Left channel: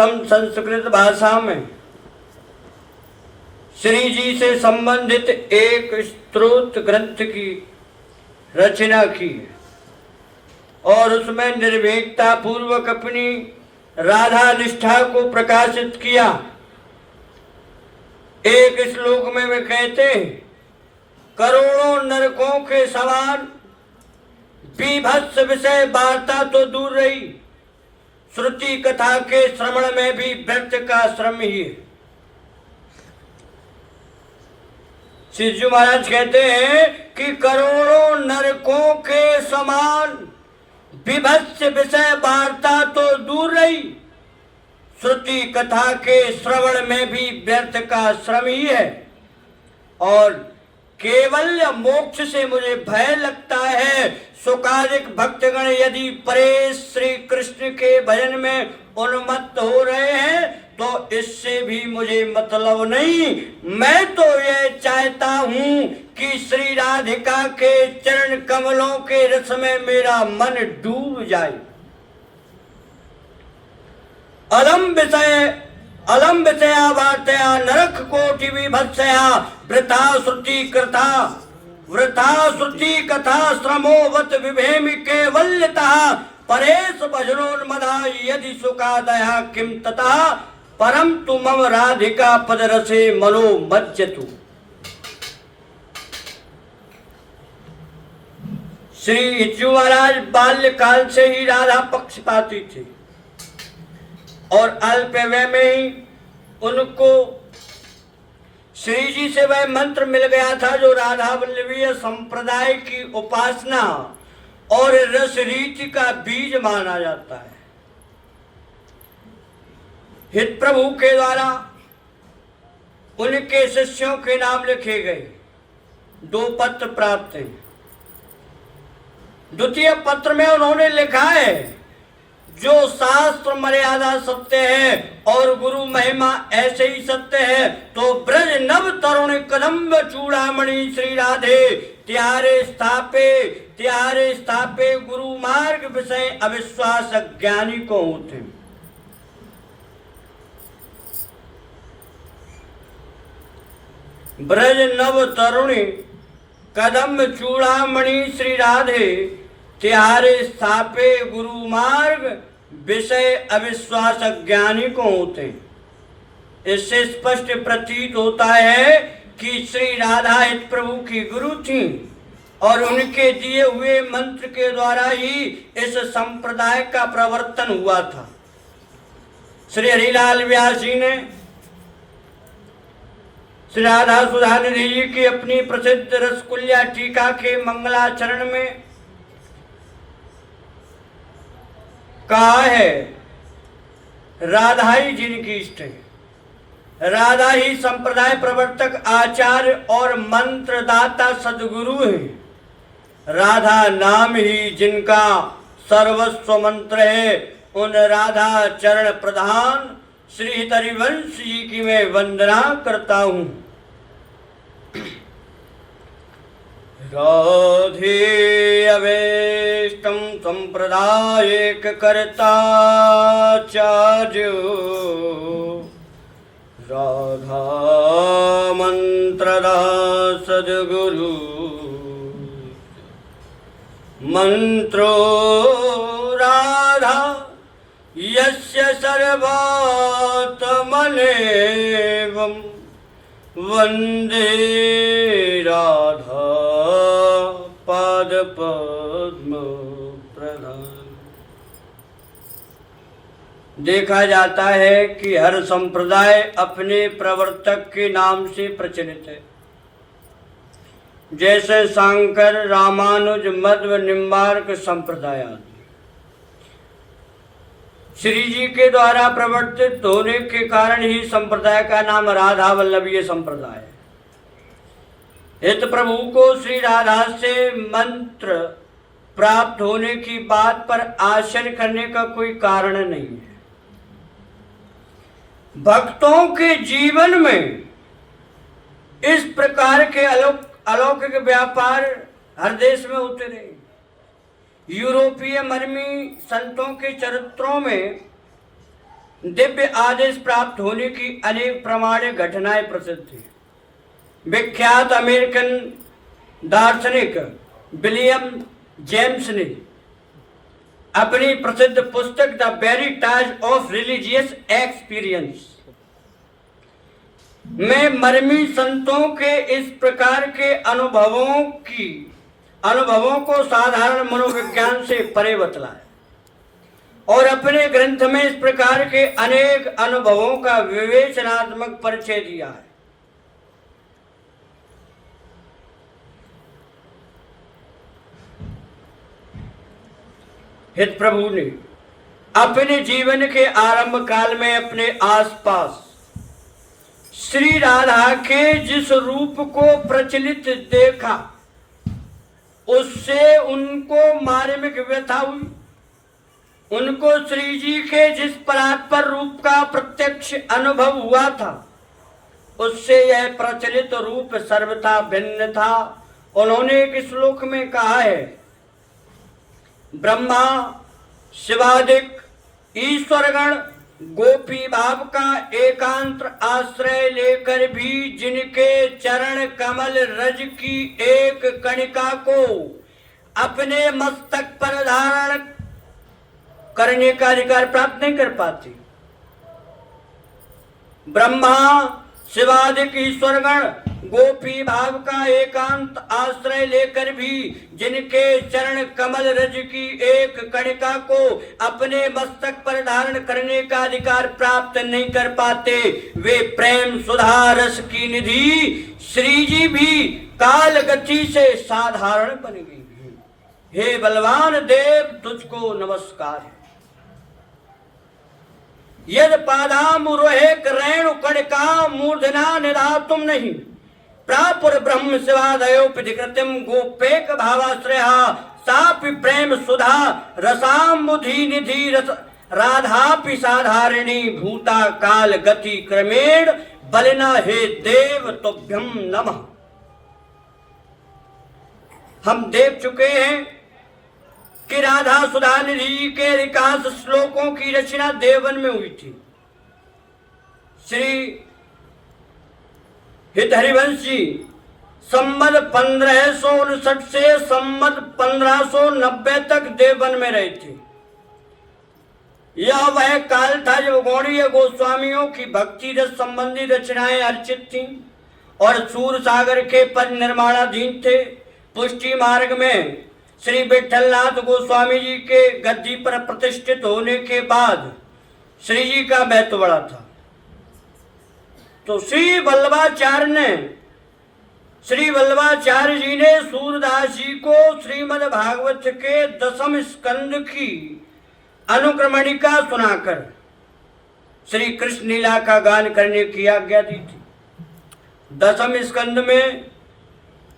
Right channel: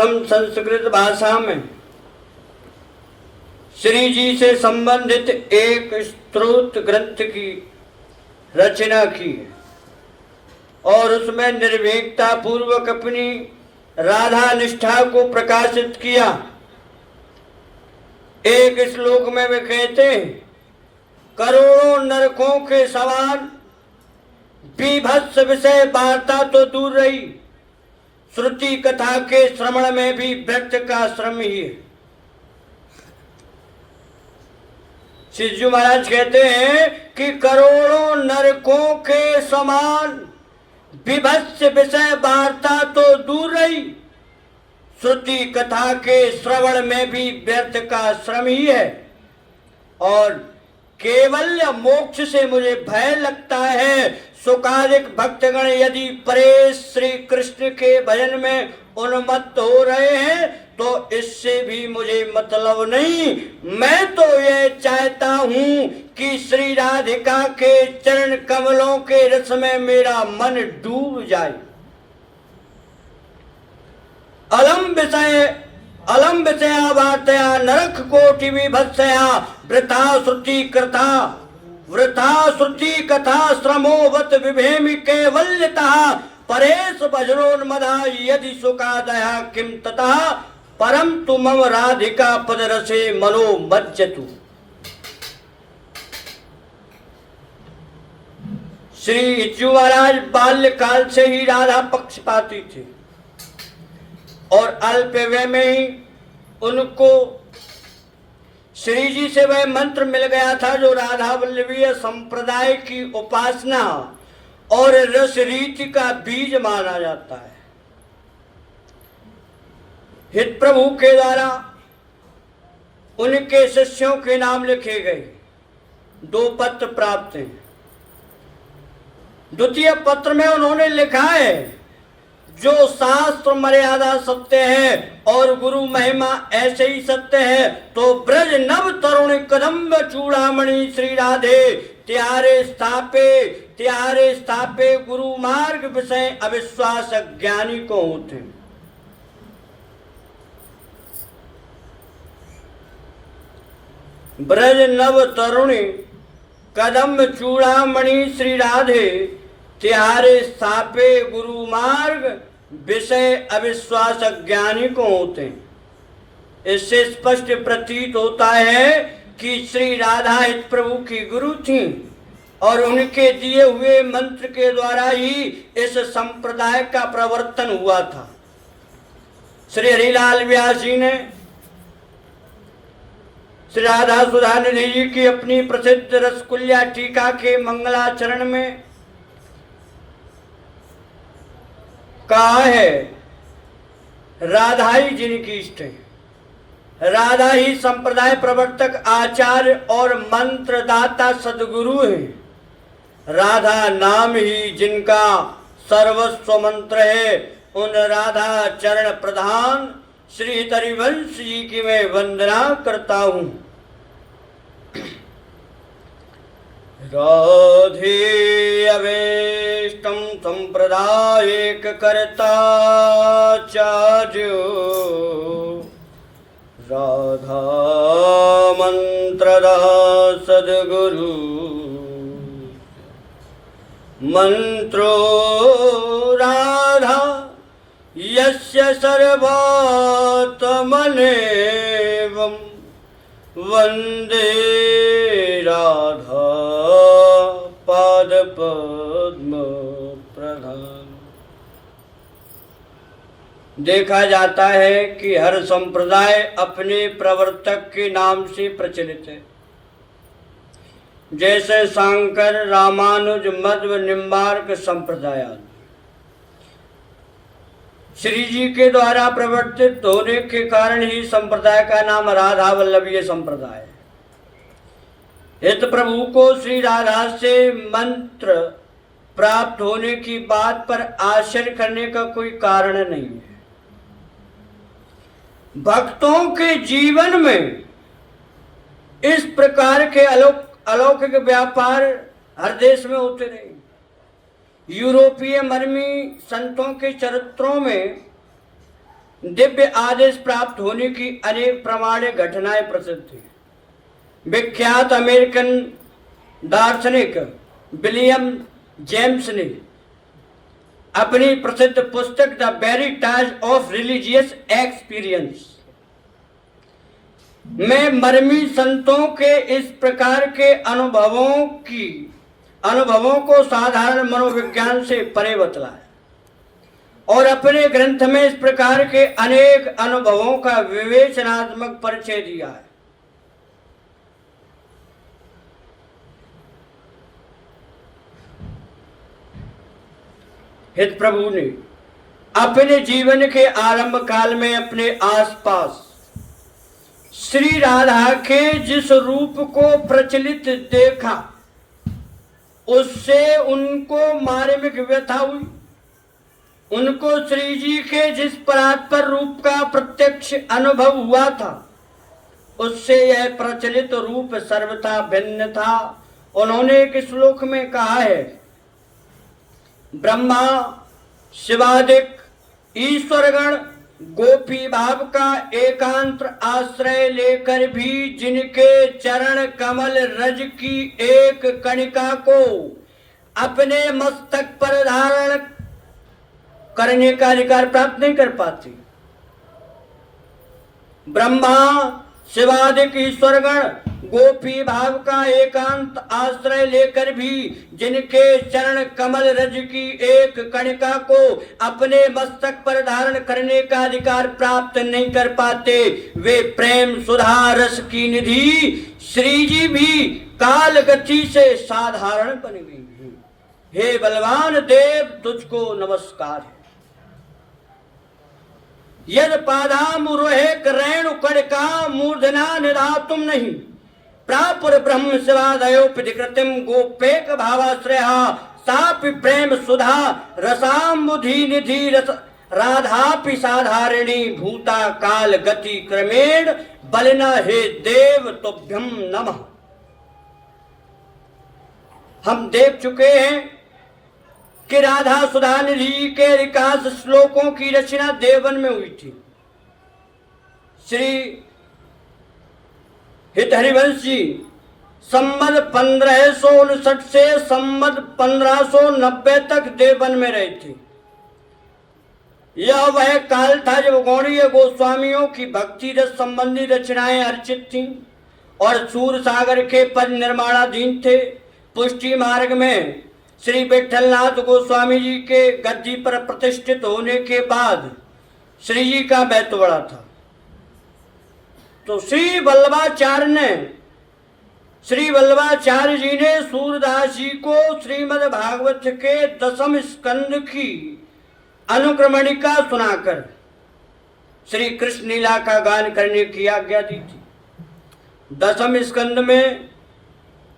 हम संस्कृत भाषा में श्री जी से संबंधित एक स्तोत्र ग्रंथ की रचना की है और उसमें निर्भीकता पूर्वक अपनी राधा निष्ठा को प्रकाशित किया। एक श्लोक में वे कहते हैं, करोड़ों नरकों के समान बीभत्स विषय वार्ता तो दूर रही, श्रुति कथा के श्रवण में भी व्यर्थ का श्रम ही है। श्री जी महाराज कहते हैं कि करोड़ों नरकों के समान विभत्स विषय वार्ता तो दूर रही, श्रुति कथा के श्रवण में भी व्यर्थ का श्रम ही है। और केवल मोक्ष से मुझे भय लगता है। सुकादिक भक्तगण यदि परेश श्री कृष्ण के भजन में उन्मत्त हो रहे हैं तो इससे भी मुझे मतलब नहीं। मैं तो ये चाहता हूं कि श्री राधिका के चरण कमलों के रस में मेरा मन डूब जाए। अलम विषया वार्तया नरक कोटि विभत्सया वृथा श्रुति कथा श्रमोवत विभेमि कैवल्यतः परेश भजनोन्मदा यदि सुखादया किम ततः परम तु मम राधिका पदरसे मनो मज्जतु। श्री इच्छु महाराज बाल्यकाल से ही राधा पक्षपाती थे और अल्प वय में ही उनको श्री जी से वह मंत्र मिल गया था जो राधा वल्लभीय संप्रदाय की उपासना और रस रीति का बीज माना जाता है। हित प्रभु के द्वारा उनके शिष्यों के नाम लिखे गए 2 पत्र प्राप्त हैं। द्वितीय पत्र में उन्होंने लिखा है, जो शास्त्र मर्यादा सत्य है और गुरु महिमा ऐसे ही सत्य है, तो ब्रज नव तरुण कदम्ब चूड़ामणि श्री राधे त्यारे स्थापे गुरु मार्ग विषय अविश्वास ज्ञानी को होते। ब्रज नव तरुणी कदम्ब चूड़ामणि श्री राधे त्यारे स्थापे गुरु मार्ग विषय अविश्वास ज्ञानी को होते। इससे स्पष्ट प्रतीत होता है कि श्री राधा हित प्रभु की गुरु थी और उनके दिए हुए मंत्र के द्वारा ही इस संप्रदाय का प्रवर्तन हुआ था। श्री हरिलाल व्यास जी ने श्री राधा सुधा निधि जी की अपनी प्रसिद्ध रसकुल्या टीका के मंगलाचरण में कहा है, राधा ही जिनकी इष्ट है, राधा ही संप्रदाय प्रवर्तक आचार्य और मंत्रदाता सदगुरु है, राधा नाम ही जिनका सर्वस्व मंत्र है। उन राधा चरण प्रधान श्री हरिवंश जी की मैं वंदना करता हूं। राधे अवेष्टम संप्रदायिक कर्ता चार्यो राधा मंत्रदा सद्गुरु मंत्रो राधा यस्य सर्वात्मनेवं वंदे राधा पाद पद्म प्रधान। देखा जाता है कि हर संप्रदाय अपने प्रवर्तक के नाम से प्रचलित है, जैसे शांकर, रामानुज, मध्व, निम्बार्क संप्रदाय। श्री जी के द्वारा प्रवर्तित होने के कारण ही संप्रदाय का नाम राधा वल्लभीय संप्रदाय है। हित प्रभु को श्री राधा से मंत्र प्राप्त होने की बात पर आश्चर्य करने का कोई कारण नहीं है। भक्तों के जीवन में इस प्रकार के अलौकिक व्यापार हर देश में होते रहे। यूरोपीय मर्मी संतों के चरित्रों में दिव्य आदेश प्राप्त होने की अनेक प्रमाणिक घटनाएं प्रसिद्ध थी। विख्यात अमेरिकन दार्शनिक विलियम जेम्स ने अपनी प्रसिद्ध पुस्तक the Veritas of religious experience में मरमी संतों के इस प्रकार के अनुभवों को साधारण मनोविज्ञान से परे बतलाया और अपने ग्रंथ में इस प्रकार के अनेक अनुभवों का विवेचनात्मक परिचय दिया है। हित प्रभु ने अपने जीवन के आरंभ काल में अपने आसपास श्री राधा के जिस रूप को प्रचलित देखा उससे उनको मार्मिक व्यथा हुई। उनको श्री जी के जिस परात्पर रूप का प्रत्यक्ष अनुभव हुआ था उससे यह प्रचलित रूप सर्वथा भिन्न था। उन्होंने एक श्लोक में कहा है, ब्रह्मा शिवादिक ईश्वरगण गोपी भाव का एकांत आश्रय लेकर भी जिनके चरण कमल रज की एक कणिका को अपने मस्तक पर धारण करने का अधिकार प्राप्त नहीं कर पाती। ब्रह्मा शिवादिक ईश्वरगण गोपी भाव का एकांत आश्रय लेकर भी जिनके चरण कमल रज की एक कणिका को अपने मस्तक पर धारण करने का अधिकार प्राप्त नहीं कर पाते, वे प्रेम सुधा रस की निधि श्री जी भी काल गति से साधारण बन गई। हे बलवान देव, तुझको नमस्कार है। यद पादामुरोहे रेणु कणिका मूर्धना निधा तुम नहीं प्रापुर ब्रह्म शिवादयोपधिकृतिम गोपेक भावाश्रया सापि प्रेम सुधा रसामुधि निधि रस राधापि साधारिणी भूता काल गति क्रमेण बलिना हे देव तुभ्यम नमः। हम देख चुके हैं कि राधा सुधा निधि के विकास श्लोकों की रचना देवन में हुई थी। श्री हित हरिवंश जी संमत 1559 से संमत 1590 तक देवन में रहे थे। यह वह काल था जब गौड़ीय गोस्वामियों की भक्ति रस संबंधी रचनाएं अर्चित थीं और सूर सागर के पद निर्माणाधीन थे। पुष्टि मार्ग में श्री विठलनाथ गोस्वामी जी के गद्दी पर प्रतिष्ठित होने के बाद श्री जी का महत्व बढ़ा था। तो श्री वल्लभाचार्य जी ने सूरदास जी को श्रीमद् भागवत के 10वें स्कंद की अनुक्रमणिका सुनाकर श्री कृष्ण लीला का गान करने की आज्ञा दी थी। 10वें स्कंद में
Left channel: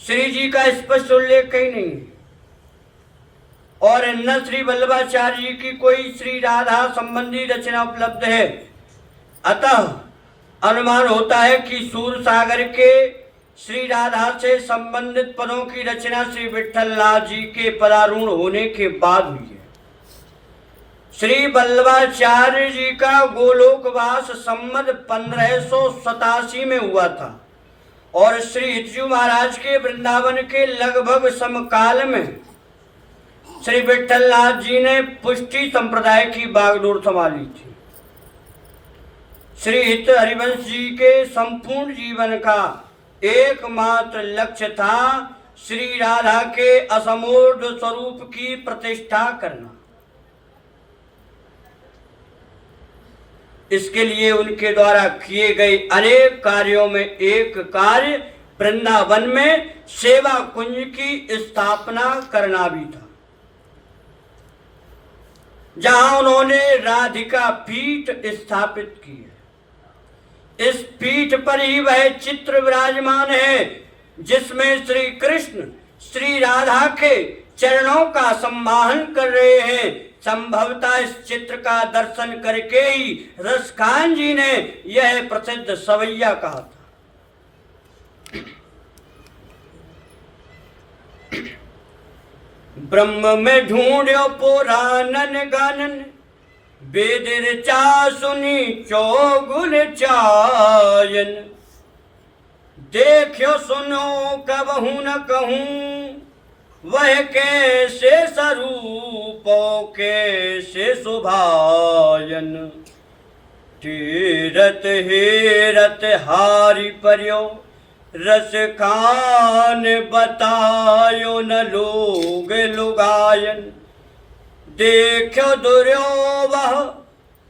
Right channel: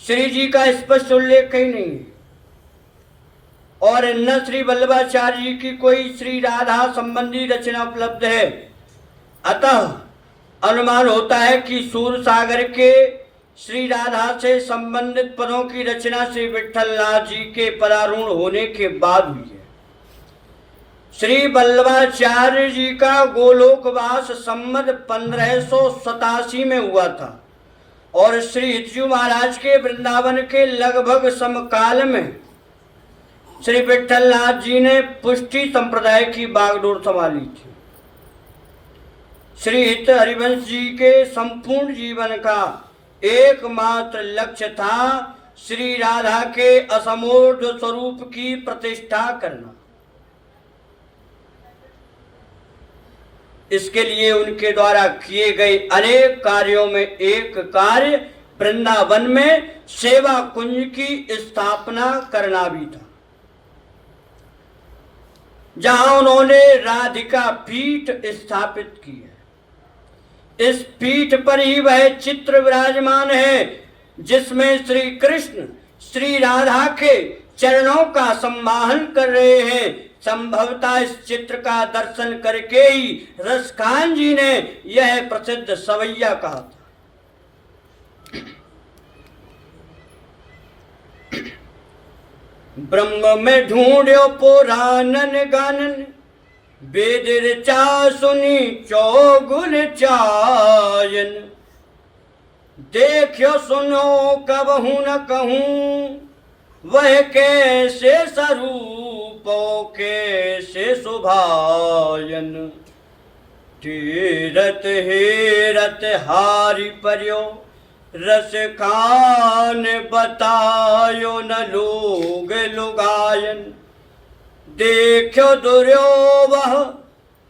श्री जी का स्पष्ट उल्लेख कहीं नहीं है और न श्री वल्लभाचार्य जी की कोई श्री राधा संबंधी रचना उपलब्ध है। अतः अनुमान होता है कि सूर सागर के श्री राधा से संबंधित पदों की रचना श्री विठलनाथ जी के परारूढ़ होने के बाद हुई है। श्री वल्लभाचार्य जी का गोलोकवास संमत 1587 में हुआ था और श्री हितजू महाराज के वृंदावन के लगभग समकाल में श्री विठलनाथ जी ने पुष्टि संप्रदाय की बागडोर संभाली थी। श्री हित हरिवंश जी के संपूर्ण जीवन का एकमात्र लक्ष्य था श्री राधा के असमूर्ध स्वरूप की प्रतिष्ठा करना। इसके लिए उनके द्वारा किए गए अनेक कार्यों में एक कार्य वृंदावन में सेवा कुंज की स्थापना करना भी था, जहां उन्होंने राधिका पीठ स्थापित की है। इस पीठ पर ही वह चित्र विराजमान है जिसमें श्री कृष्ण श्री राधा के चरणों का सम्माहन कर रहे हैं। संभवतः इस चित्र का दर्शन करके ही रसखान जी ने यह प्रसिद्ध सवैया कहा था। ब्रह्म में ढूंढो पुराणन गानन वेद ऋचा सुनी चौगुन चायन, देखो सुनो कबहू न कहूँ, वह कैसे स्वरूपो कैसे शोभायन। तीरथ हेरत हारि पर्यो, रस खान बतायो न लोग लुगायन। देखो दुर्योवह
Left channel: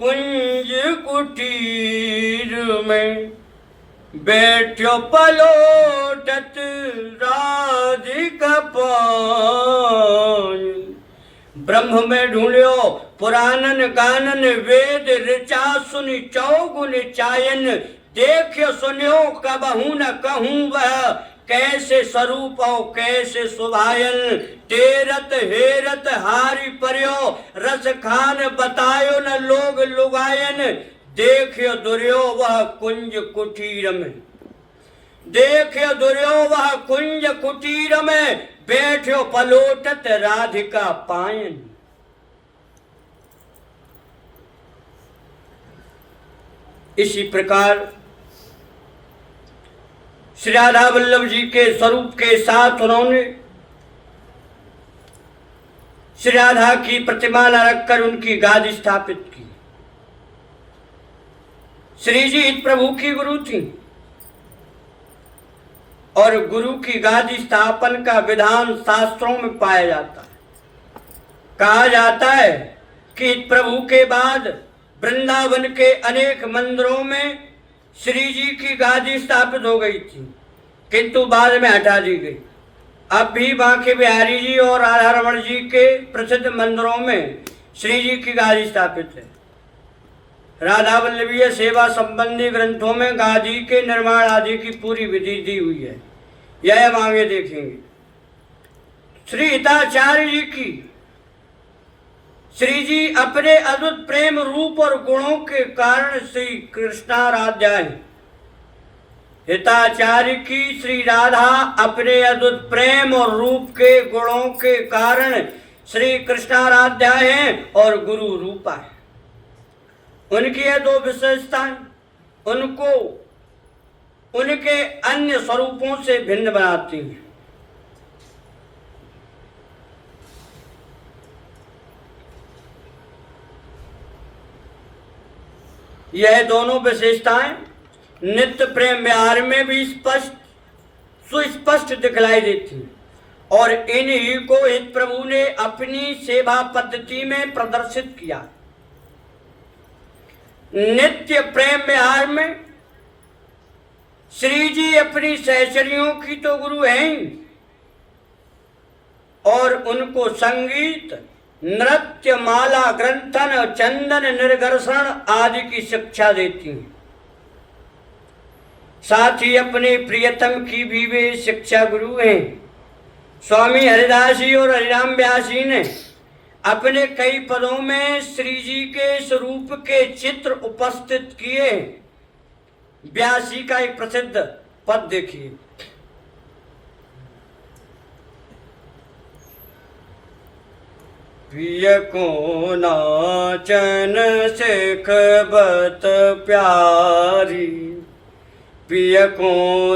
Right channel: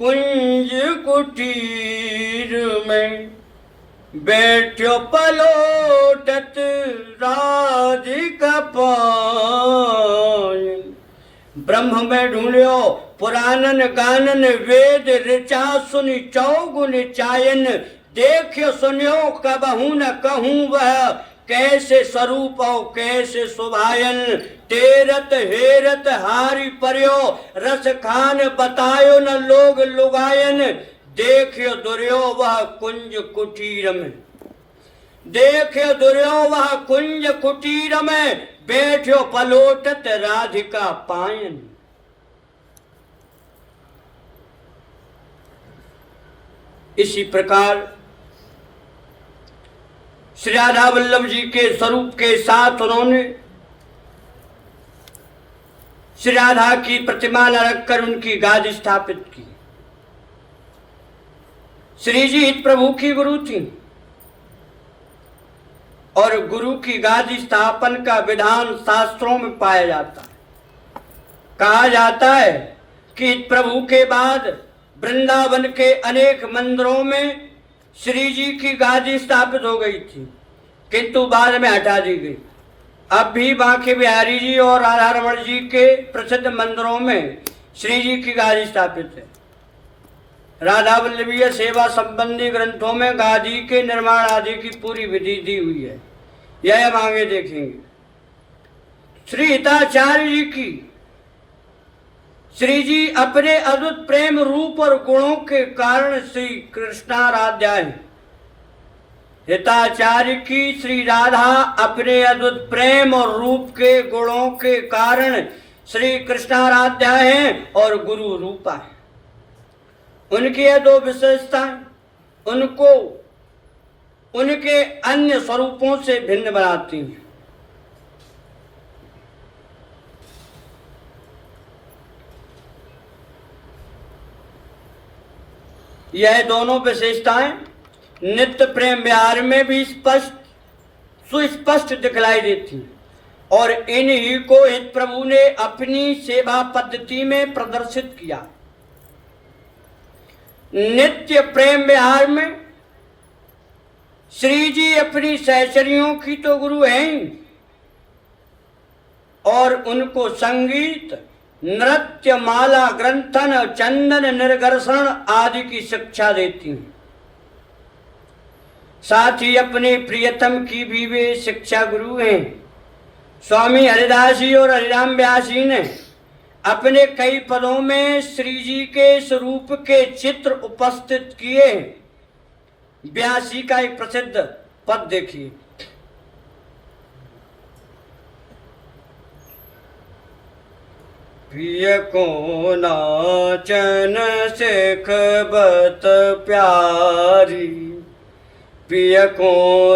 कुंज कुटीर में, बैठो पलोटत राधिका पायन। ब्रह्म में ढूंढ्यो पुराणन गानन, वेद ऋचा सुनि चौगुन चायन। देखो सुन्यो कबहू न कहूँ, वह कैसे स्वरूप और कैसे शोभायन। तेरत हेरत हारि पर्यो, रस खान बतायो न लोग लुगायन। देखियो दुर्यो वह कुंज कुटीर में, देखियो दुर्यो वह कुंज कुटीर में, बैठो पलोटत राधिका पायन। इसी प्रकार श्री राधा वल्लभ जी के स्वरूप के साथ उन्होंने श्री राधा की प्रतिमा रखकर उनकी गादी स्थापित की। श्री जी प्रभु की गुरु थी और गुरु की गादी स्थापन का विधान शास्त्रों में पाया जाता है। कहा जाता है कि प्रभु के बाद वृंदावन के अनेक मंदिरों में श्री जी की गादी स्थापित हो गई थी, किंतु बाद में हटा दी गई। अब भी बांके बिहारी जी और राधा रमण जी के प्रसिद्ध मंदिरों में श्री जी की गादी स्थापित है। राधा वल्लभीय सेवा संबंधी ग्रंथों में गादी के निर्माण आदि की पूरी विधि दी हुई है, यह हम आगे देखेंगे। श्री हिताचार्य जी की श्री जी अपने अद्भुत प्रेम रूप और गुणों के कारण श्री कृष्णाराध्या है। हिताचार्य की श्री राधा अपने अद्भुत प्रेम और रूप के गुणों के कारण श्री कृष्णाराध्या है और गुरु रूपा है। उनकी यह दो विशेषताएं उनको उनके अन्य स्वरूपों से भिन्न बनाती हैं। यह दोनों विशेषताएं नित्य प्रेम विहार में भी सुस्पष्ट दिखलाई देती हैं और इन्हीं को हित प्रभु ने अपनी सेवा पद्धति में प्रदर्शित किया। नित्य प्रेम विहार में श्री जी अपनी सहचरियों की तो गुरु हैं और उनको संगीत, नृत्य, माला ग्रंथन, चंदन निर्गर्षण आदि की शिक्षा देती हैं। साथ ही अपने प्रियतम की भी वे शिक्षा गुरु हैं। स्वामी हरिदास जी और हरिराम व्यास जी ने अपने कई पदों में श्री जी के स्वरूप के चित्र उपस्थित किए। व्यास जी का एक प्रसिद्ध पद देखिए। प्रिय को नाचन सिखबत प्यारी, प्रिय को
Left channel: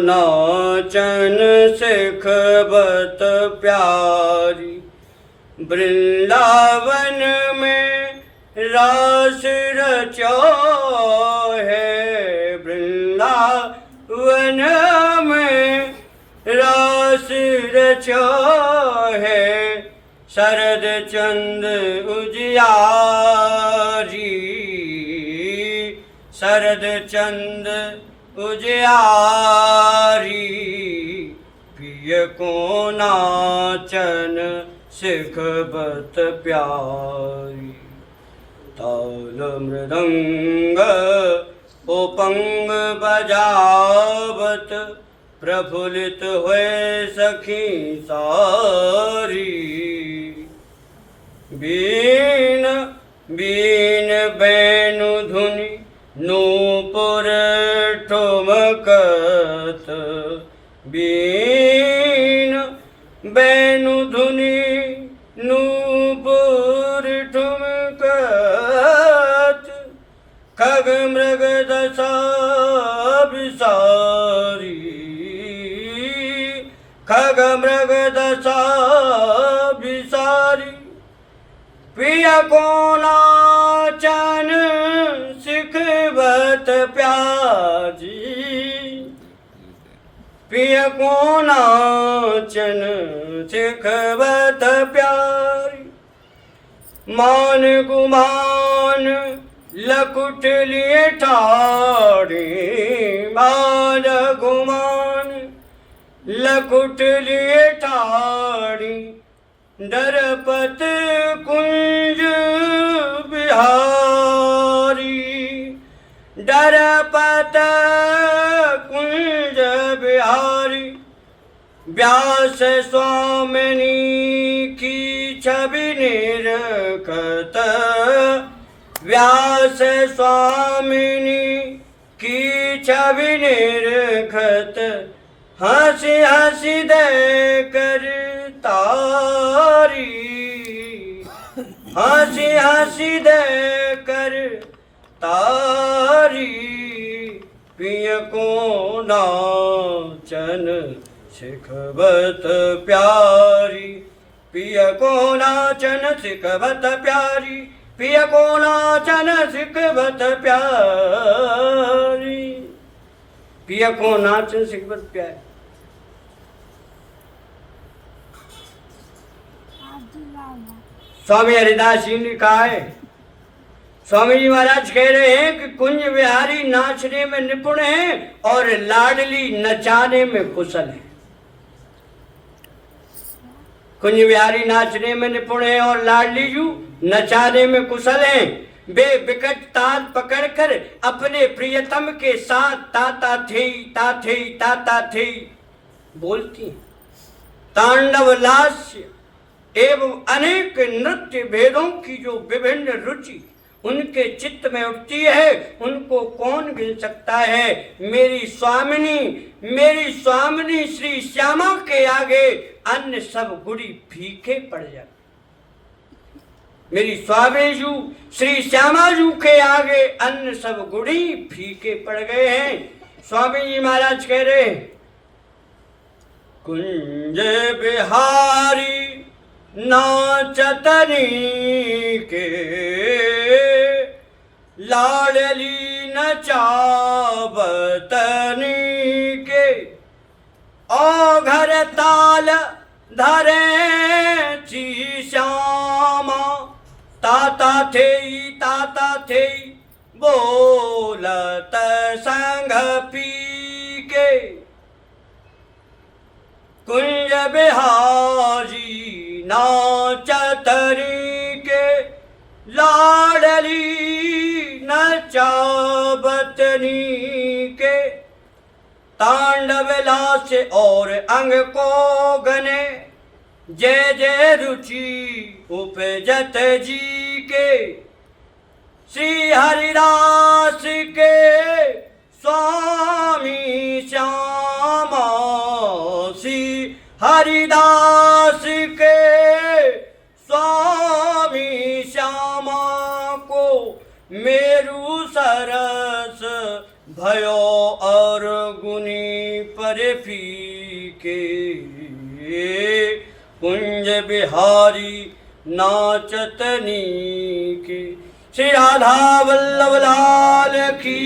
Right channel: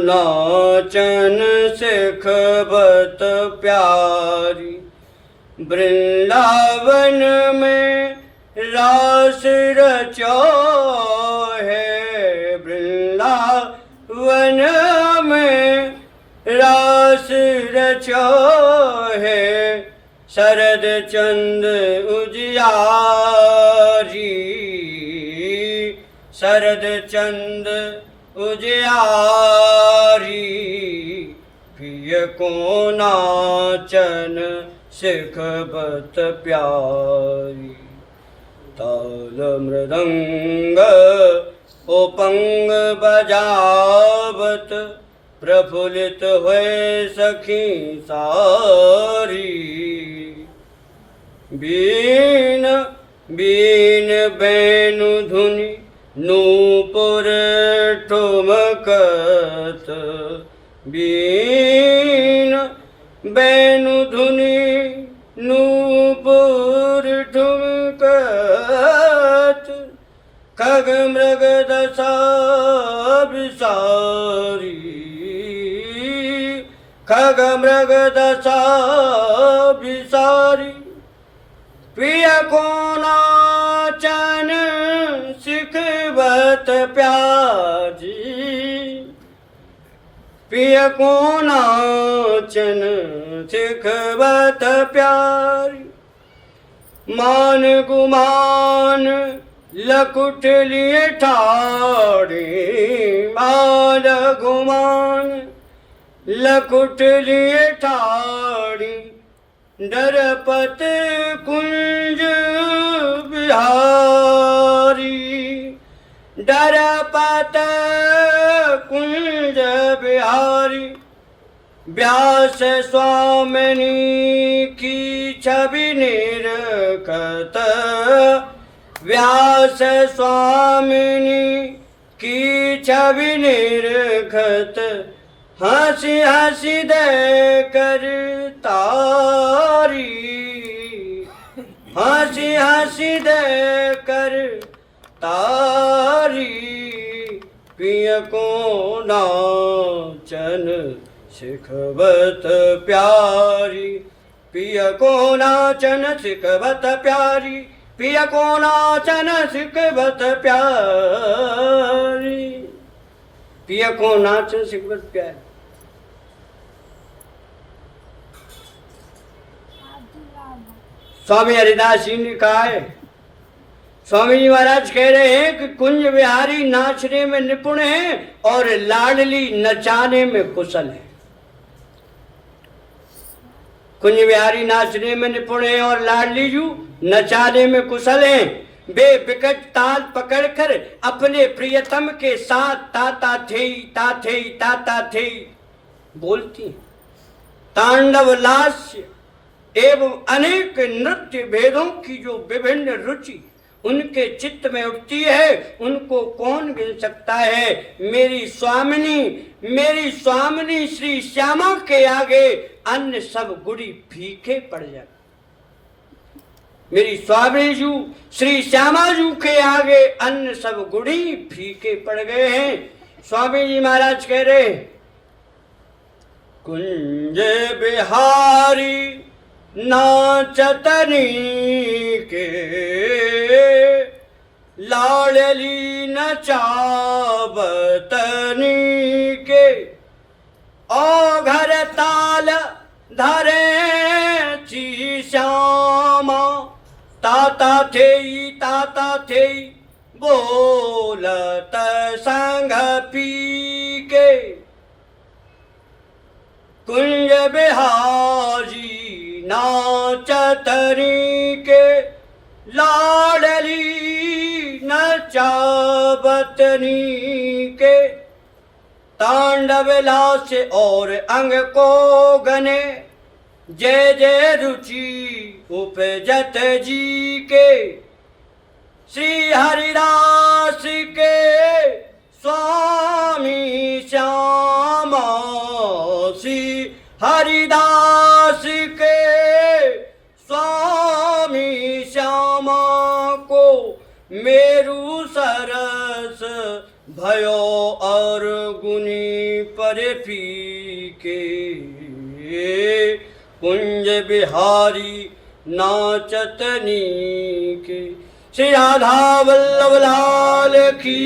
नाचन सिखबत प्यारी। वृंदावन में रास रचो है, वृंदावन में रास रचो है। शरद चंद उजियारी, शरद चंद उजियारी। प्रिय को नाचन सिखबत प्यारी। ताल मृदंग उपंग बजावत, प्रफुल्लित हुए सखी सारी। बीन बीन बैनु धुनि नूपुर ठुमकत, बीन बैनु धुनि नूपुर ठुमकत। दशा विसारी, खग मृग दशा विसारी। पिय को नाचन सिखबत प्याजी, पिय को नाचन सिखबत प्यारी। मान गुमान लकुट लिए ठाड़े, मान गुमान लकुट लिए ठाड़ी। डरपत कुंज बिहारी, डरपत कुंज बिहारी। व्यास स्वामिनी की छवि निरखत, व्यास स्वामिनी की छवि निरखत। हंसी हंसी दे कर तारी, हंसी हंसी दे कर तारी। पिय को नाचन सिखबत प्यारी, पिय को नाचन सिखबत प्यारी, पिय को नाचन सिखबत प्यारी। पिय को नाचन सिखबत प्यारी। स्वामी हरिदास जी ने कहा है, स्वामी जी महाराज कह रहे हैं कि कुंज बिहारी नाचने में निपुण है और लाडली नचाने में कुशल है। कुंज बिहारी नाचने में निपुण है और लाडली जू नचाने में कुशल है। वे विकट ताल पकड़कर अपने प्रियतम के साथ ताता थे ताथे ताता थे बोलती हैं। तांडव लास्य एवं अनेक नृत्य भेदों की जो विभिन्न रुचि उनके चित्त में उठती है, उनको कौन गिन सकता है। मेरी स्वामिनी श्री श्यामा के आगे अन्य सब गुड़ी फीके पड़ जाते। मेरी स्वामी जू श्री श्यामा जू के आगे अन्य सब गुड़ी फीके पड़ गए हैं। स्वामी जी महाराज कह रहे, कुंज बिहारी नाचतनी के, लाडली नचावतनी के। ओ घर ताल धरे ची श्यामा, ताता थे बोलत संग पी के। कुंज बिहारी नाचतनी के, लाडली नचावतनी के। तांडव लास और अंग को गने, जय जय रुचि उपजत जी के। श्री हरिदास के स्वामी श्यामा, श्री हरिदास के स्वामी श्यामा को मेरु सरस भयो और गुनी पर फीके। कुंज बिहारी नाचतनी के। श्री राधा वल्लभ लाल की